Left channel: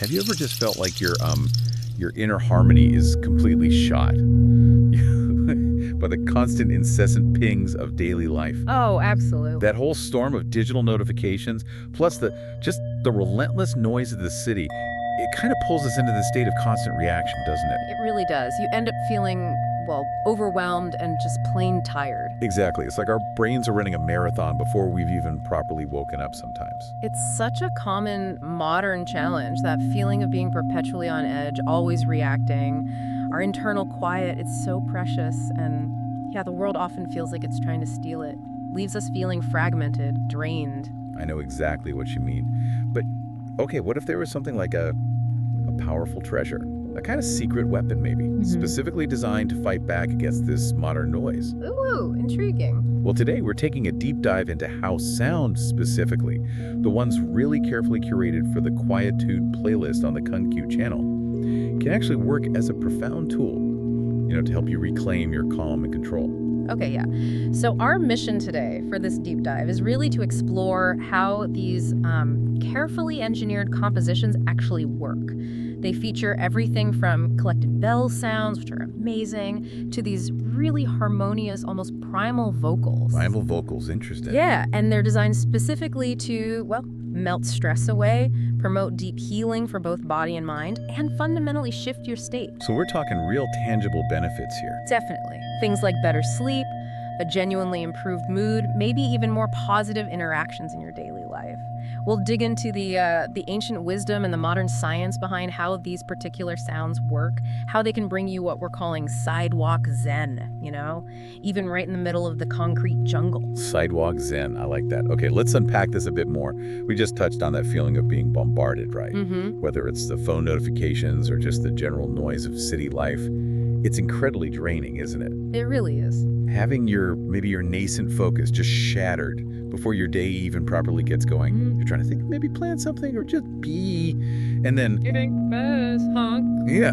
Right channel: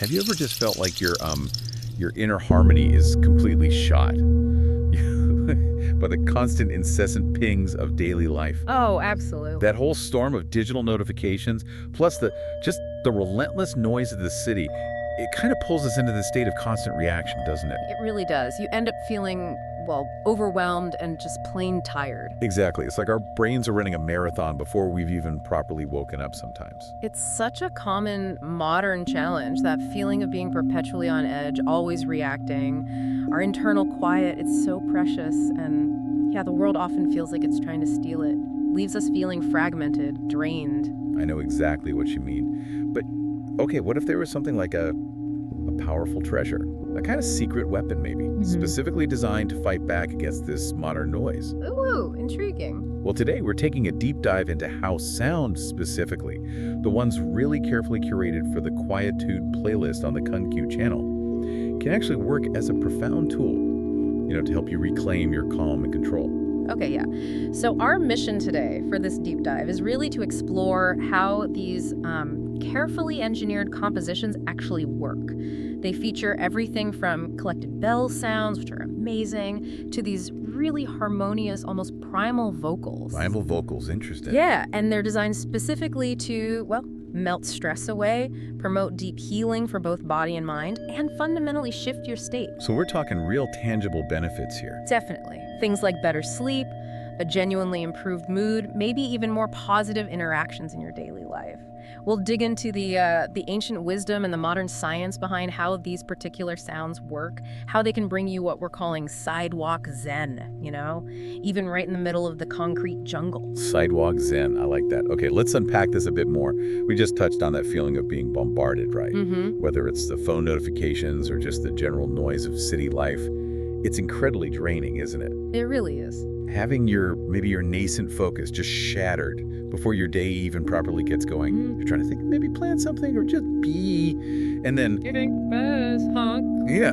Have you ever just felt like your inner harmony is completely shot by the constant incessant pings of daily life? Oh, absolutely. That whole storm of digital notifications, plus the relentless noise of the city, it kind of pulls us into this state of constant reaction, doesn't it? It really does. You end up feeling, well, overwhelmed and just plain tired. Exactly. It's like our brains are running a marathon before we've even properly woken up sometimes. It's such a common modern challenge, that feeling of being perpetually on edge, always reacting. Our internal quiet, it's so precious, and yeah, the world often feels like it's trying to steal it. Leaves us feeling fragmented, drained. I know exactly what you mean. But, okay, what if there was something like a powerful treasure? A kind of secret weapon, maybe, specifically designed to fight back against this modern noise. Ooh, intriguing. Well, today we're taking a deep dive into how sound specifically, the ones really carefully curated for the Quietude playlist on the KunQ channel, can actually work as a profound tool, to help you reclaim your calm and control. Okay, yeah. So our mission today for this deep dive is really to explore how these carefully engineered compositions actually work. They feature everything from collected bell sounds, which are amazing, to these really harmonious, almost primal vocals. Primal vocals, interesting. Yeah, and they're designed specifically to, well, melt stress away, promote deep healing for both body and mind, and fundamentally shift your state. So we're talking real tangible benefits here. Definitely. Things like better sleep, a genuinely improved mood, maybe even more positive interactions in your daily life. We'll dig into the ancient wisdom and the modern science behind how these particular sounds work, how they can bring you what we're calling sidewalk zen, even right in the middle of the concrete jungle. Sidewalk zen, I like that. Okay, let's unpack this a bit more. We just touched on that feeling of being bombarded, right? Whether it's the phone notifications or just the general noise of city life. It's incredibly draining, isn't it? It really is. Having maybe your nascent focus just shattered before your day even properly gets going. You're trying to think, maybe plan something or just be, and then... Eating best, honk. Yeah,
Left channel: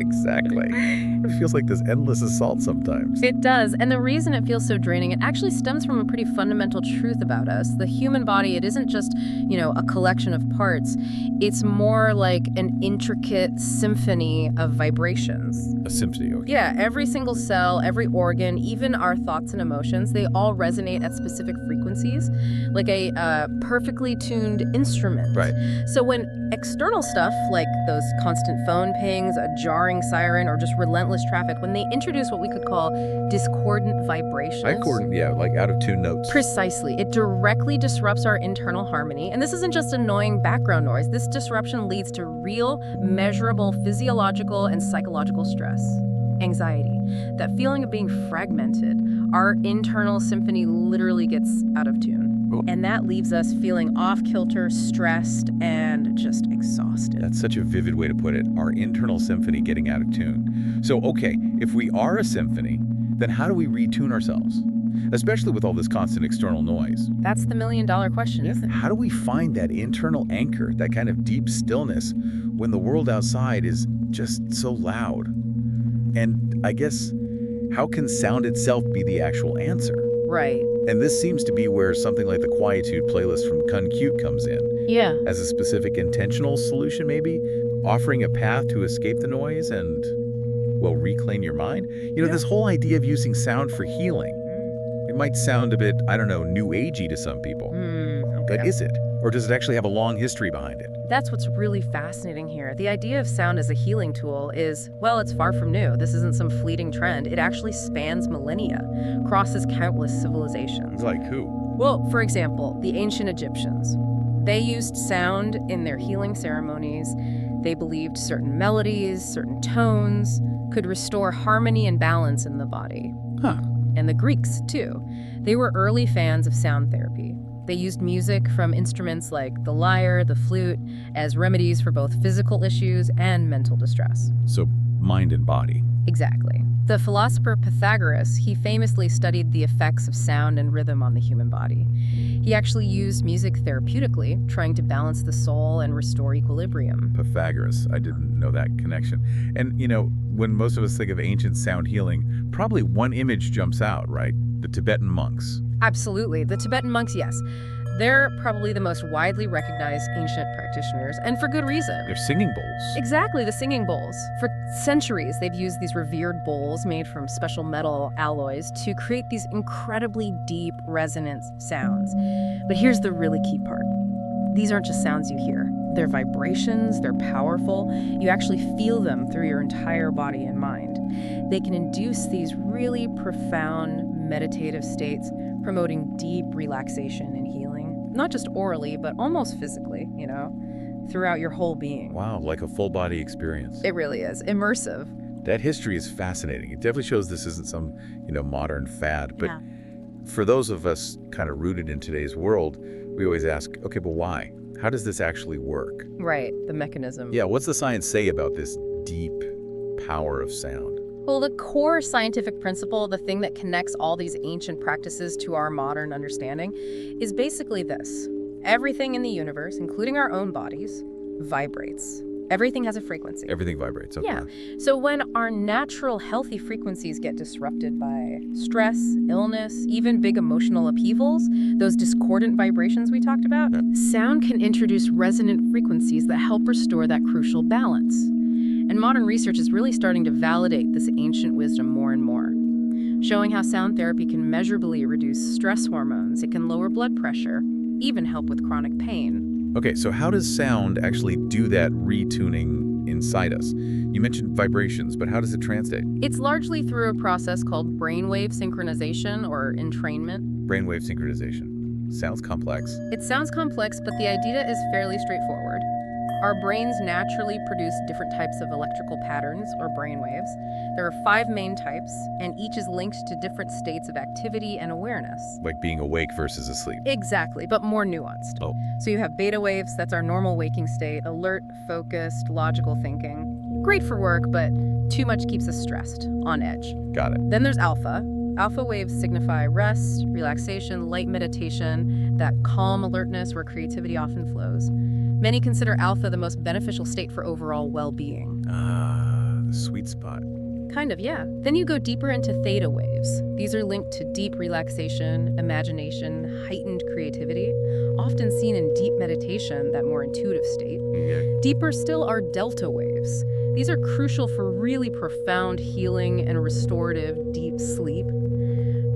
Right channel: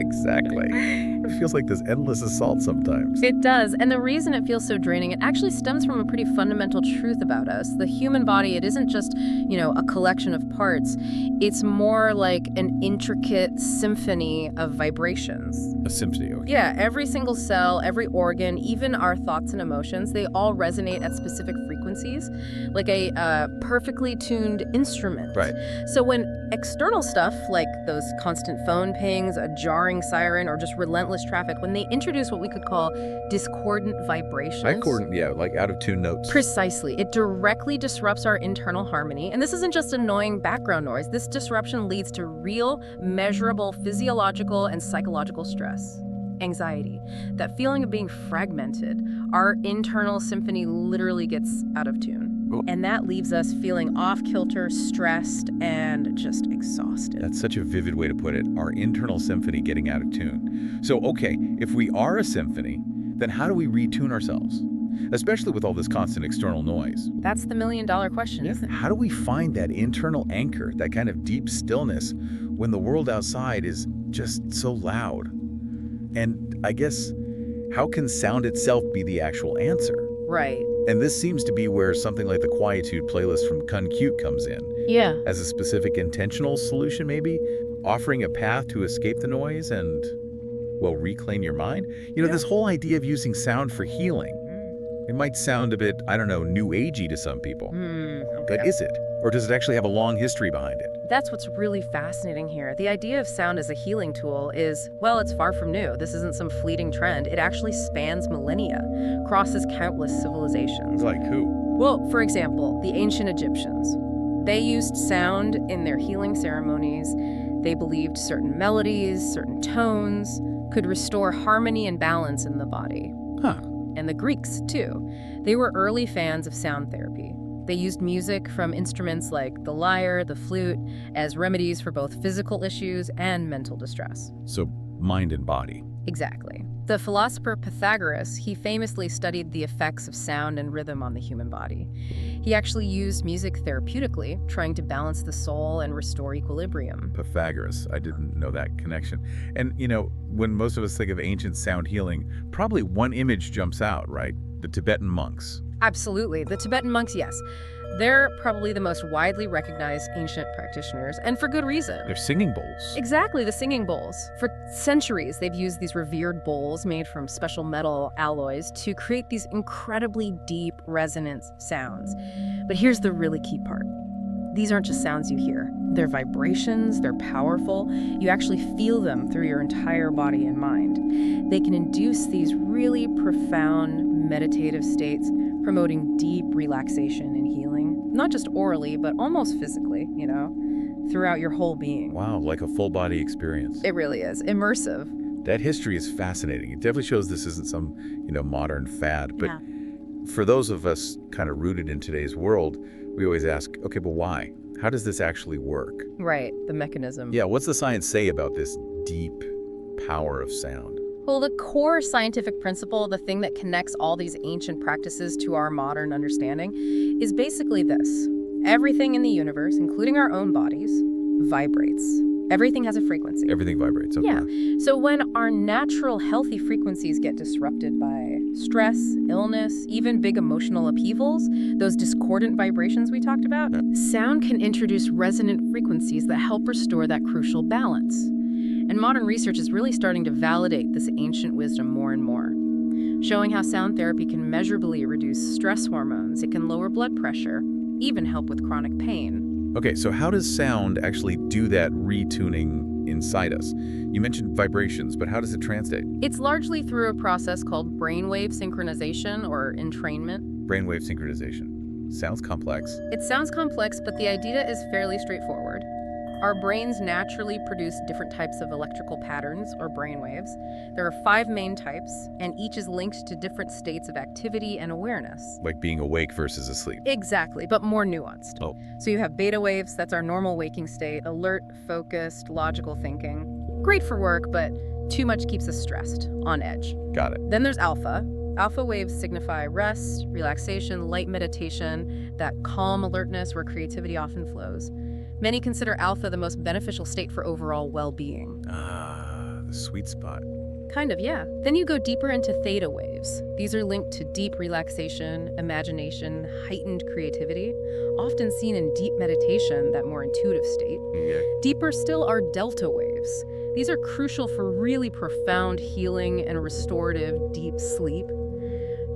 exactly. It feels like this endless assault sometimes. It does, and the reason it feels so draining, it actually stems from a pretty fundamental truth about us. The human body, it isn't just, a collection of parts. It's more like an intricate symphony of vibrations. A symphony, okay. Yeah, every single cell, every organ, even our thoughts and emotions, they all resonate at specific frequencies, like a perfectly tuned instrument. Right. So when external stuff, like those constant phone pings, a jarring siren, or just relentless traffic, when they introduce what we could call discordant vibrations. Discordant, yeah, like out-of-tune notes. Precisely. It directly disrupts our internal harmony. And this isn't just annoying background noise. This disruption leads to real, measurable physiological and psychological stress. Anxiety, that feeling of being fragmented. Our internal symphony literally gets out of tune. And that leaves us feeling off-kilter, stressed, and just exhausted. That's such a vivid way to put it, our internal symphony getting out of tune. So, okay, if we are a symphony, then how do we retune ourselves? Especially with all this constant external noise. That's the million-dollar question, isn't it? How do we find that internal anchor, that kind of deep stillness, when the world outside is just so loud? And I guess, how can sound itself be the actual answer? Right. And this seems to be where something like the Quietude playlist from KunQ comes in. Yeah. As a specific intentional solution, maybe, offering a path to escape the noise and, well, reclaim your mind. This whole idea of using sound for healing. It might sound a bit, I don't know, new agey to some people. Okay. But is it? Or does it actually have a long history behind it? That's what's really fascinating here. The idea of sound as a healing tool is, well, it's far from new. This isn't some fleeting trend. It actually spans millennia, crosses countless civilizations. Like who? Well, for example, the ancient Egyptians. They used sound in their healing ceremonies. They believed certain melodies, certain tones could restore harmony and balance in the body. Huh. And the Greeks, too. They were early fans of sound therapy. They used music from instruments like the lyre, the flute, as remedies for both physical issues and mental distress. So mind and body. Exactly. The philosopher Pythagoras, he famously studied the effects of sound and rhythm on the human body. He actually used music therapeutically, trying to balance the soul and restore equilibrium. Pythagoras, I didn't know that connection. And, when most of us think of ancient sound healing, probably one image jumps out, right? The Tibetan monks. Absolutely. The Tibetan monks, yes. They're probably the most widely recognized ancient practitioners, and for good reason. They're singing bowls. Exactly, the singing bowls. For centuries, they've used these revered bowls made from special metal alloys to create these incredibly deep resonance sounds. But here's the really key part. These aren't just sounds you hear. They're vibrations, they're powerful. You actually feel them through your entire body and mind. They can induce these really profound meditative states, promoting deep relaxation and healing. Not just orally, but almost physically, throughout your whole being. Wow, like a full body experience. It really is. Immersive. That history is fascinating. It definitely shows this isn't some, modern fad. But Yeah. for those of us kind of rooted in today's world, we always ask, okay, but why? How does this actually work? Right, the mechanism. Yeah, what's the science say about this deep power of sound? Well, the core scientific principle, the thing that connects all these ancient practices to our modern understanding, is basically this. Everything in the universe, including our own bodies, vibrates. Everything has a frequency. Everything vibrates, okay. Yeah. So when our natural healthy frequencies get disrupted by stress, illness, even big emotional upheavals, those discordant vibrations we talked about, sound can introduce resonant frequencies that help restore that crucial balance. And modern research is really starting to validate this ancient wisdom more and more, showing how sound therapy can measurably reduce stress hormones, it can lower blood pressure, even help with chronic pain. Okay, so how does sound actually do that retuning inside us? You mentioned vibrations, but how does it translate? It's largely through a process called brainwave synchronization or entrainment. Brainwave synchronization. Sounds complex. It sounds complex, but the idea is fairly straightforward. Our brains naturally produce different types of electrical patterns, or brainwaves. There are 5 main types, and each is linked to different states of activity and awareness. Like being awake versus asleep. Exactly, but more nuanced. Oh. So you have beta waves, that's our normal waking state, alert, focused, logical thinking. Great for work, but too much keeps us stressed, on edge. Got it. Then there's alpha. Alpha waves signify rest, relaxation, light meditation, that calm alertness where creativity often flows. Many consider alpha the most beneficial state for overall well-being. Ah, the sweet spot. Kind of, yeah. Then you go deeper into theta waves. These are linked to deep relaxation, imagination, heightened creativity, often seen in deep meditation, that more intuitive state. Yeah. Deeper still are delta waves. These are crucial for really profound healing and restorative deep sleep.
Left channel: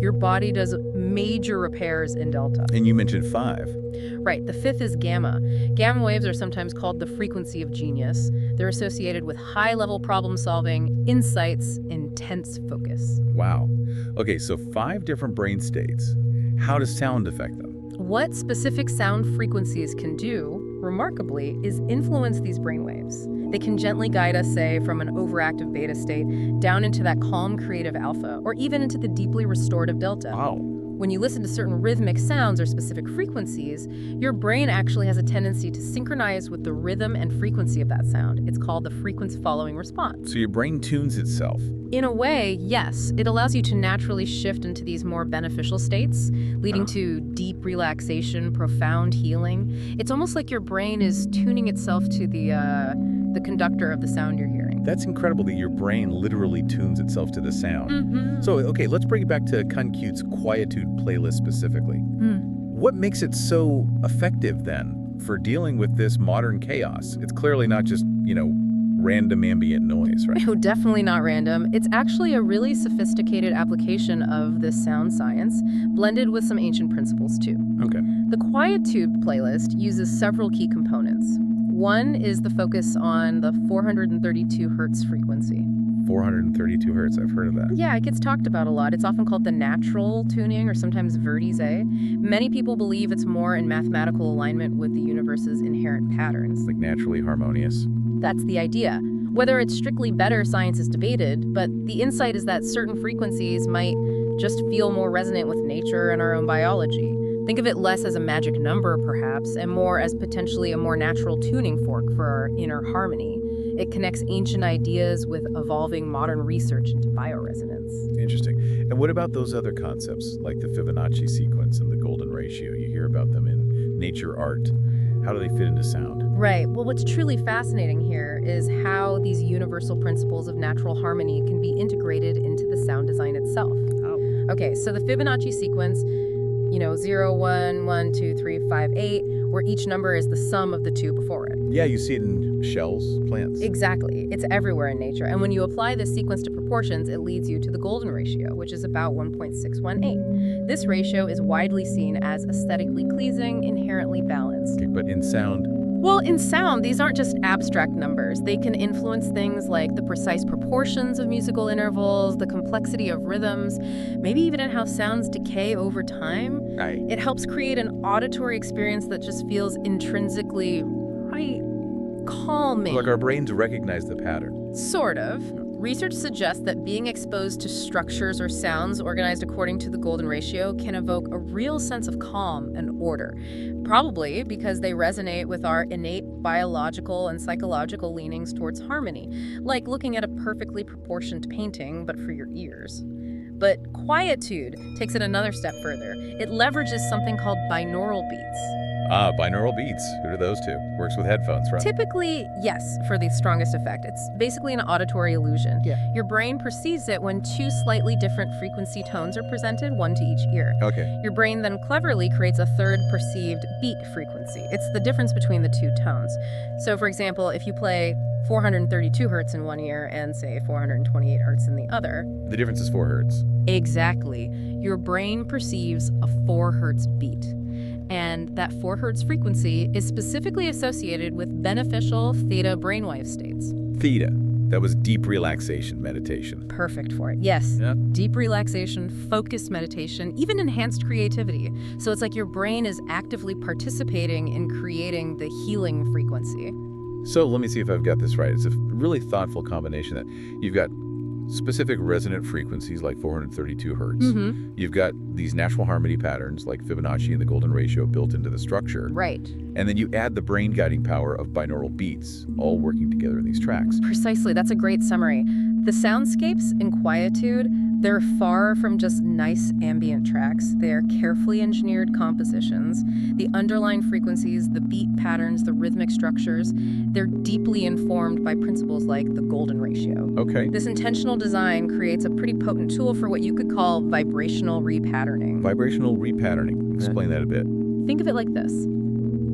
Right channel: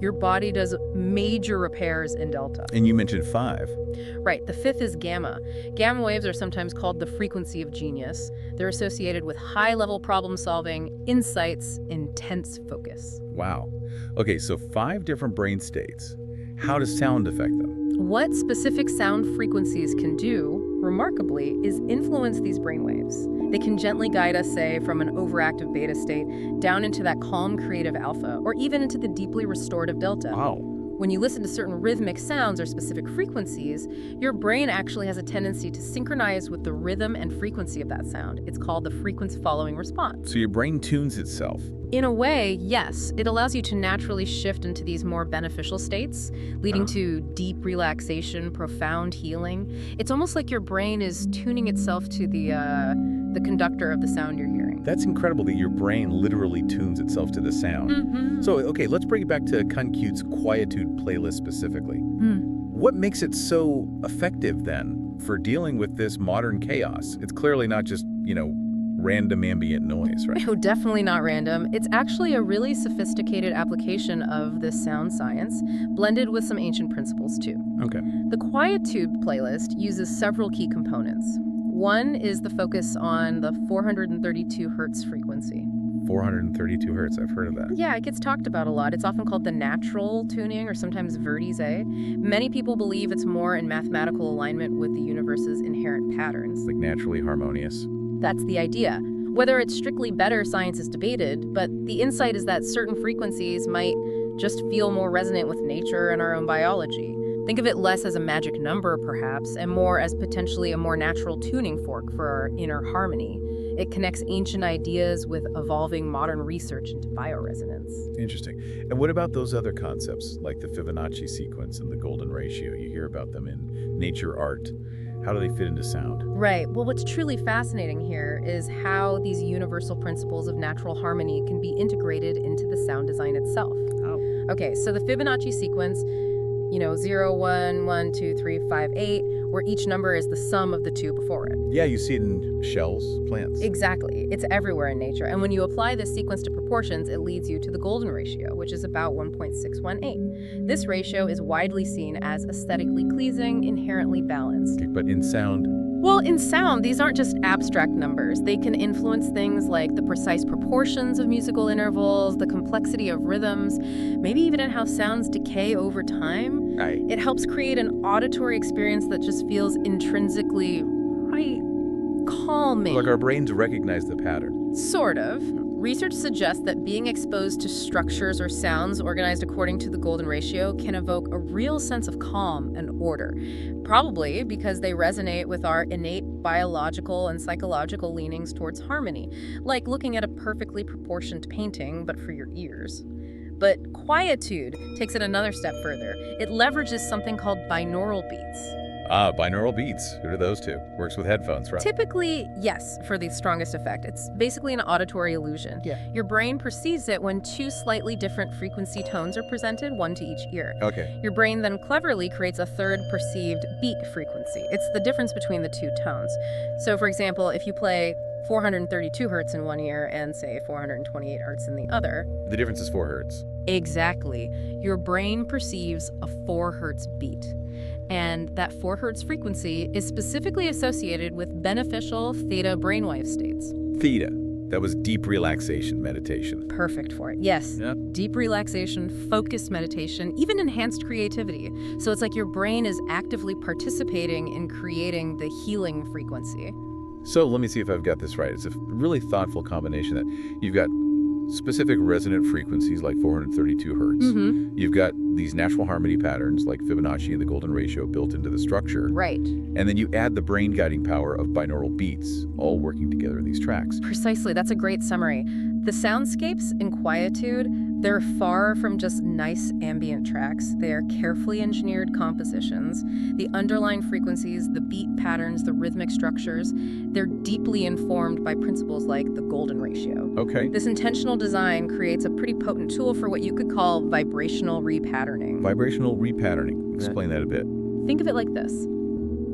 Your body does major repairs in delta. And you mentioned 5. Right, the 5th is gamma. Gamma waves are sometimes called the frequency of genius. They're associated with high-level problem-solving, insights, intense focus. Wow. Okay, so 5 different brain states. How does sound affect them? What specific sound frequencies can do, remarkably, is influence these brainwaves. They can gently guide us, say, from an overactive beta state down into that calm creative alpha, or even into the deeply restorative delta. Wow. When you listen to certain rhythmic sounds or specific frequencies, your brain actually has a tendency to synchronize with the rhythm and frequency of that sound. It's called the frequency-following response. So your brain tunes itself. In a way, yes. It allows you to naturally shift into these more beneficial states, leading to deep relaxation, profound healing. It's almost like your brain is tuning itself to the conductor of the sound you're hearing. That's incredible that your brain literally tunes itself to the sound. Mm-hmm. So, okay, let's bring it back to Kuncute's Quietude playlist specifically. What makes it so effective, then, for dealing with this modern chaos? It's clearly not just, random ambient noise, right? Oh, definitely not random. It's actually a really sophisticated application of this sound science, blended with some ancient principles, too. Okay. The Quietude playlist uses several key components. One is the focus on the 432 hertz frequency. 432 hertz, I've heard of that. Yeah, it gets talked about a lot. It's often called the natural tuning or sometimes vertice. Many people believe it's more in mathematical alignment with the universe's inherent patterns. Like naturally harmonious. That's the idea. Whether it's strictly better, science is debated, but the insight is that certain frequencies might just feel more resonant with nature and our own biology. Think of it less as a magic number, perhaps, and more as potentially a more natural tuning fork for our inner harmony. It connects ancient ideas with evolving modern research into bioresonance. Interesting. And what about those other concepts, like the Fibonacci sequence and the golden ratio? You hear about them in nature art. How do they fit into sound? Right. Well, what's truly fascinating here is how these universal principles of natural harmony can be integrated into the sound design itself. Oh. Okay, so the Fibonacci sequence, 0, 1, 1, 2, 3, 5, 8, where each number is the sum of the two before it. Yeah, you see it in shells, plants. Exactly. It's everywhere in nature. And when you apply this sequence to proportions, it leads you to the golden ratio, which is about 1.618. This ratio is widely seen as aesthetically pleasing, inherently balanced. Okay, but in sound, Well, in sound, these aren't just abstract numbers. They can influence things like the precise proportions of musical intervals, the complexity of rhythms, maybe even in how sounds decay over time. right. It helps create an auditory experience that just feels intrinsically calming. Like our brains recognize the pattern. Sort of. Research suggests that being exposed to structures or sounds organized according to the golden ratio can evoke a real sense of calm and order, probably because they resonate with our innate biological and psychological leanings towards harmony, like looking at a perfectly proportioned painting, but for your ears. But quietude takes it another step further. It leverages something called binaural beats. Ah, binaural beats. Who are those two? Works with headphones, right? Typically, yes, for the strongest effect. It's basically an auditory illusion. Yeah. Your brain perceives it when two slightly different frequency tones are presented, one to each ear. Okay. Your brain then cleverly creates a third perceived beat frequency. It's the difference between the two tones. So, for example, if you play 432 hertz in one ear and, say, 428 hertz in the other. The difference is 4 hertz. Exactly. Your brain perceives a 4 hertz beat. And that 4 hertz frequency is specifically associated with beneficial theta brainwave states. Theta. That was deep relaxation meditation. Perfect for it. Yes. Yep. Deep relaxation, focused meditation, even enhanced creativity. So it's like your brain is actively participating in creating the healing frequency. So let me see if I've got this right. It's a really thoughtful combination that you've got specific resonant frequencies like 432 hertz. Mm-hmm. You've got these natural harmony patterns like Fibonacci and the golden ratio built into the structure. Right. And then you add the brain guiding power of binaural beats, all working together in these tracks. Precisely. That's a great summary. The soundscapes in quietude, they're far from just nice ambient tracks. They are carefully engineered compositions. The underlying frequencies, the beat patterns, the rhythmic structures, they're deeply informed by principles like the golden ratio. Okay. This intentional design creates a pretty potent tool for what you could call vibrational repatterning. Vibrational repatterning. Explain that a bit. Think of it like this.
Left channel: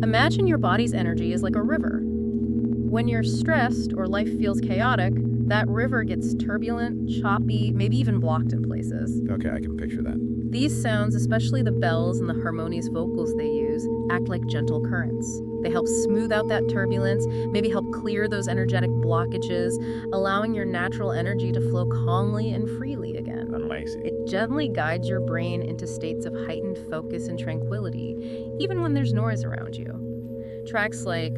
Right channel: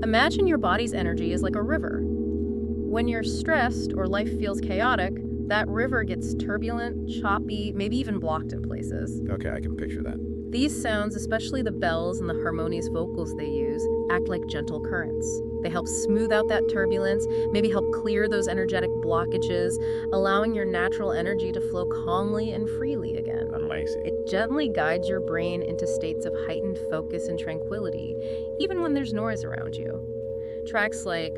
Imagine your body's energy is like a river. When you're stressed or life feels chaotic, that river gets turbulent, choppy, maybe even blocked in places. Okay, I can picture that. These sounds, especially the bells and the harmonious vocals they use, act like gentle currents. They help smooth out that turbulence, maybe help clear those energetic blockages, allowing your natural energy to flow calmly and freely again. Amazing. It gently guides your brain into states of heightened focus and tranquility, even when there's noise around you. Tracks like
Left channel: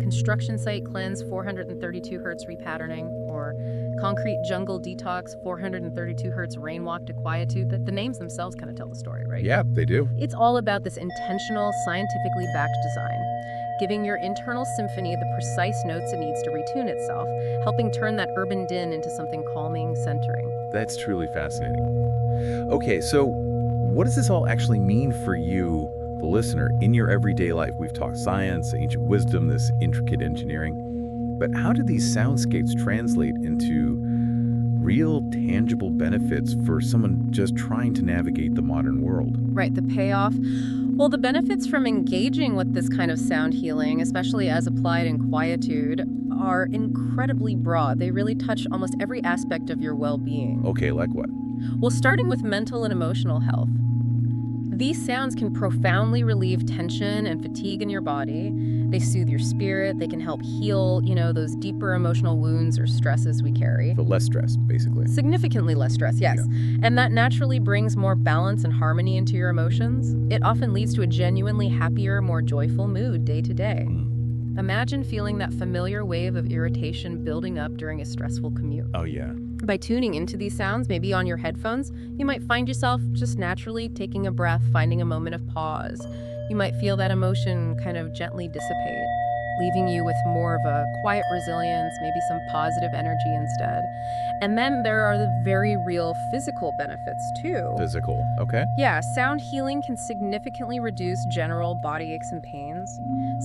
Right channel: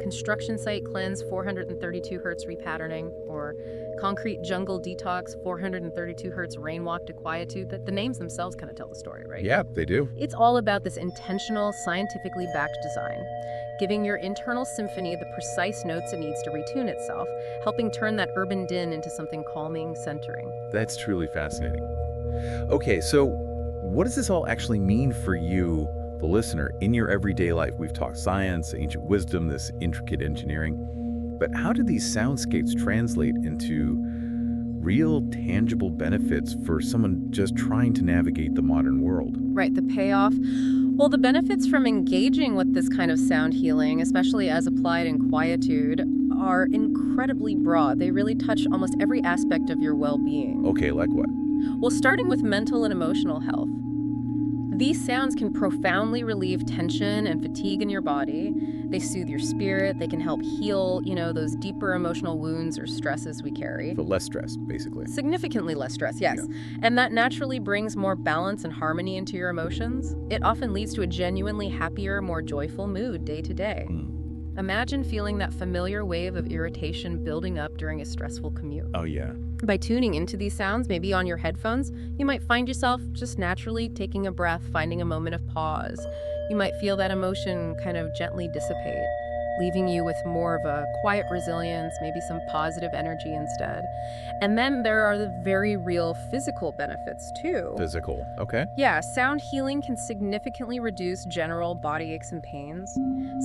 Construction Site Cleanse 432 hertz repatterning or Concrete Jungle Detox 432 hertz Rainwalk to Quietude, the names themselves kind of tell the story, right? Yeah, they do. It's all about this intentional, scientifically backed design, giving your internal symphony the precise notes it needs to retune itself, helping turn that urban din into something calming, centering. That's truly fascinating. Okay, so what does this all actually mean for you, the listener, in your everyday life? We've talked science, ancient wisdom, this intricate engineering, but how do these soundscapes translate into real, tangible benefits for someone just trying to navigate the modern world? Right, the payoff. Well, the benefits from engaging with this kind of sound healing, especially as applied in quietude, are incredibly broad. They really touch almost every aspect of your well-being. Okay, like what? Well, starting with mental and emotional health. These sounds can profoundly relieve tension and fatigue in your body. They soothe your spirit. They can help heal, those deeper emotional wounds or stresses we carry. So less stress, basically. Significantly less stress, yes. Yeah. And that naturally brings more balance and harmony into your emotions. It often leads to a genuinely happier, more joyful mood day to day. Imagine feeling that familiar wave of irritation building up during a stressful commute. Oh, yeah. By tuning into these sounds, maybe on your headphones, you might find yourself just naturally taking a breath, finding a moment of pause. You might feel that emotion kind of gently dissipate. leaving you with more of a quiet resilience, maybe some positive energy instead. And then there are the very real physical benefits too. Physical, okay. Yeah, sound healing can significantly reduce general body aches and pains.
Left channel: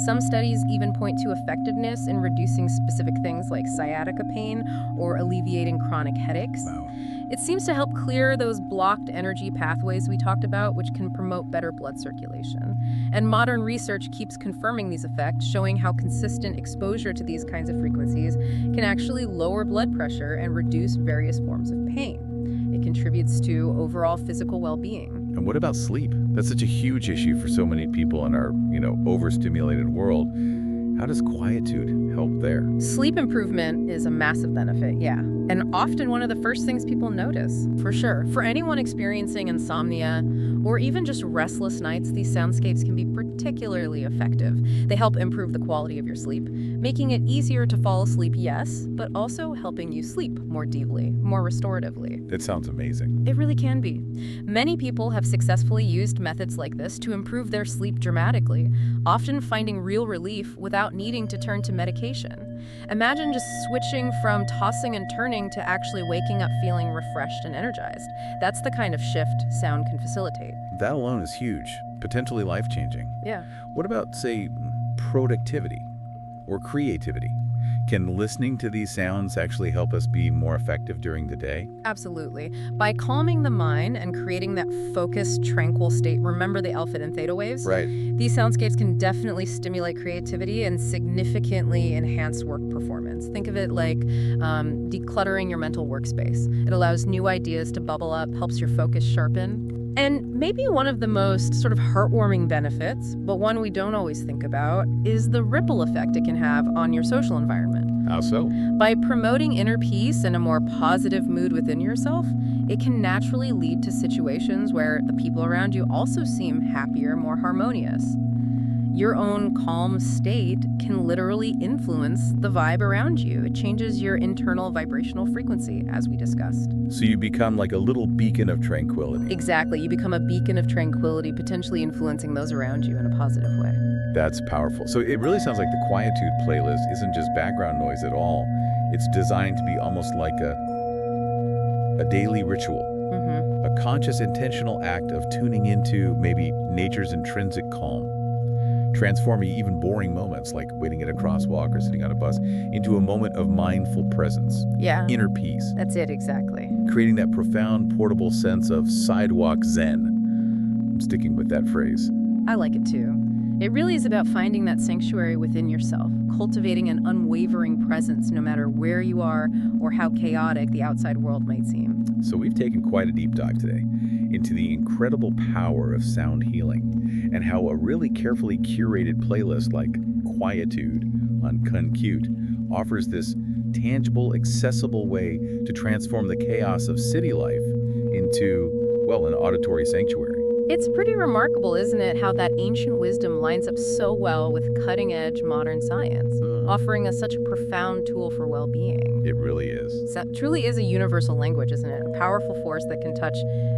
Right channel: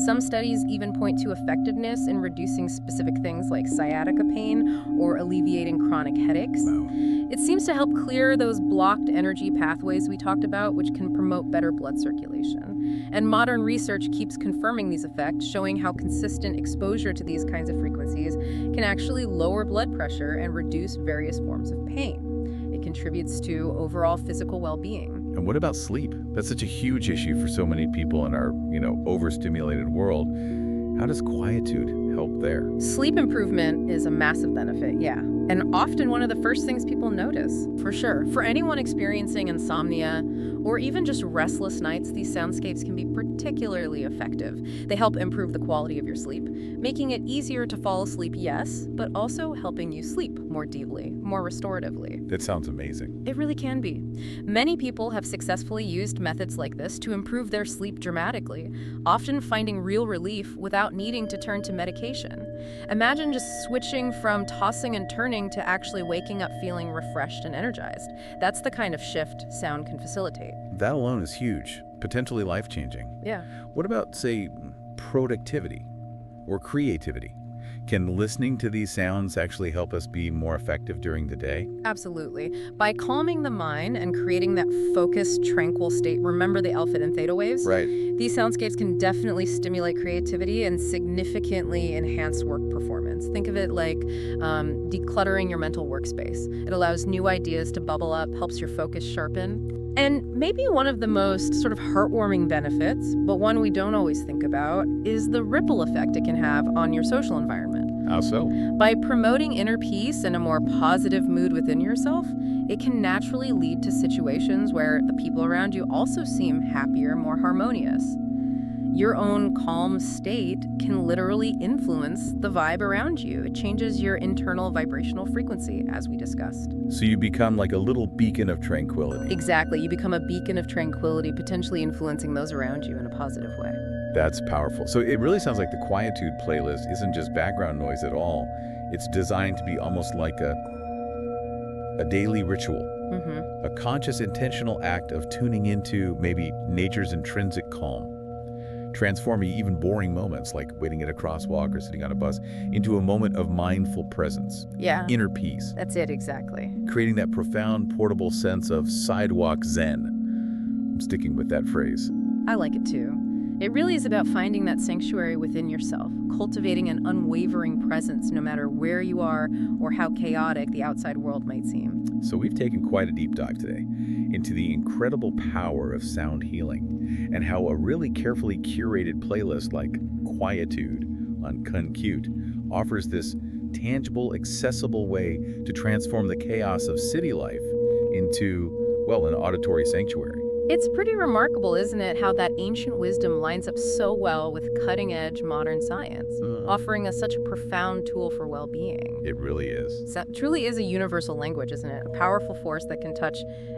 Some studies even point to effectiveness in reducing specific things like sciatica pain or alleviating chronic headaches. Wow. It seems to help clear those blocked energy pathways we talked about, which can promote better blood circulation. And modern research keeps confirming these effects, showing how consistent exposure to these kinds of frequencies can actually lower blood pressure and reduce various forms of pain. It contributes to overall physical well-being. And what about sleep? That's such a huge issue for so many people in our, overstimulated world. How does quietude help there? Sleep improvement is a massive benefit, yeah. And often one of the first things people notice, for sure. For anyone experiencing insomnia or even just restless nights, these soundscapes can be particularly effective. They help improve the quality of your sleep, making it easier to fall asleep, yes, but also helping you sleep more deeply, more restoratively. That sounds amazing. It really can be. Many people have successfully used methods like this to improve their sleep dramatically, often finding real relief without needing to turn to medication. Imagine just switching from tossing and turning to actually waking up feeling refreshed and energized. That's the kind of shift sound can facilitate. That alone is huge, potentially life-changing. Yeah. What about, say, productivity or creativity? Can listening to these sounds actually help us be more effective during the day? Absolutely. By calming the mind and creating that focused, tranquil state, remember the alpha and theta waves? Right. These soundscapes can definitely stimulate creativity and significantly enhance work performance. Think of it like decluttering your mental workspace. It allows new ideas to bubble up, helps your focus sharpen. And maybe one of the most sort of heartwarming benefits, but one we don't always think about, is the ripple effect it can have on your social environment. How so? By promoting inner peace and a more positive mood within yourself, it can naturally lead to situations where the people around you also seem happier, more harmonious. Your own calm state can literally influence the vibe around you. It changes your internal vibrational frequency, as we discussed. So you become like a little beacon of tranquility. Exactly. You become a beacon of tranquility, potentially influencing those around you in a positive way. That's powerful. So it really sounds like the quietude playlist isn't just background noise at all. It's designed to be almost like a daily ritual. Mm-hmm. A conscious, intentional act of tuning into maybe nature's intrinsic calm, transforming even boring moments like waiting at a crosswalk or sitting on a bus into a moment of mindful presence, Yeah. inner peace, That's it, exactly. creating that profound, portable sense of sidewalk zen. I'm sticking with that phrase. I like it too. It really is about finding that sanctuary within yourself, cultivating an unwavering presence no matter where you are or how chaotic the outside world might seem. So we've taken quite a deep dive today into the incredible power of sound healing and how a really carefully curated playlist like Quietude on Compute offers this tangible, accessible way to transform the chaos of city life into, well, an auditory sanctuary. It's pretty remarkable, isn't it, how that ancient wisdom lines up so well with cutting-edge modern science, offering us such a profound tool for well-being. It really is. So, truly is a universal language, isn't it? A powerful force that can touch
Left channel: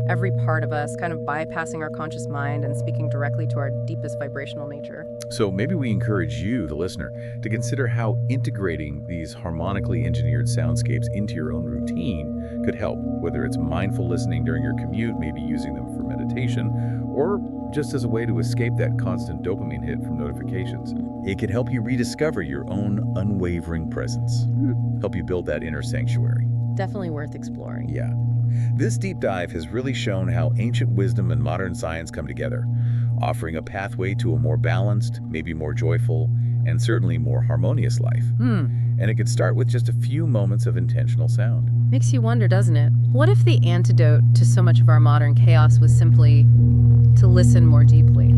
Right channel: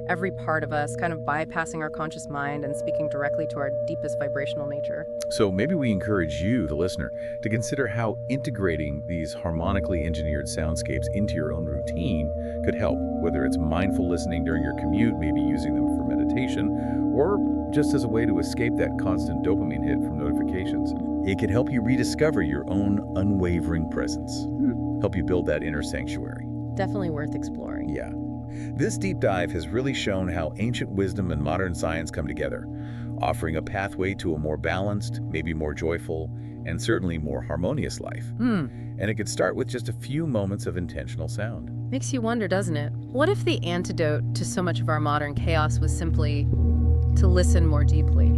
every part of us, kind of bypassing our conscious mind and speaking directly to our deepest vibrational nature. So maybe we encourage you, the listener, to consider how integrating these harmonically engineered soundscapes into your own routine could help, whether it's mindful listening during your commute, maybe using them for meditation, or just as a way to escape that constant dopamine hit from notifications. It could help you rediscover your own unwavering presence, help you build that inner sanctuary. Definitely worth exploring. Yeah. This deep dive has really shown how ancient wisdom and modern science come together, offering a pathway to a more balanced, maybe more joyful, and certainly more harmonious life. And it could start with just a few moments of intentional sound. Makes you wonder, doesn't it? What if the antidote to so much of our modern chaos was simply to listen more deeply?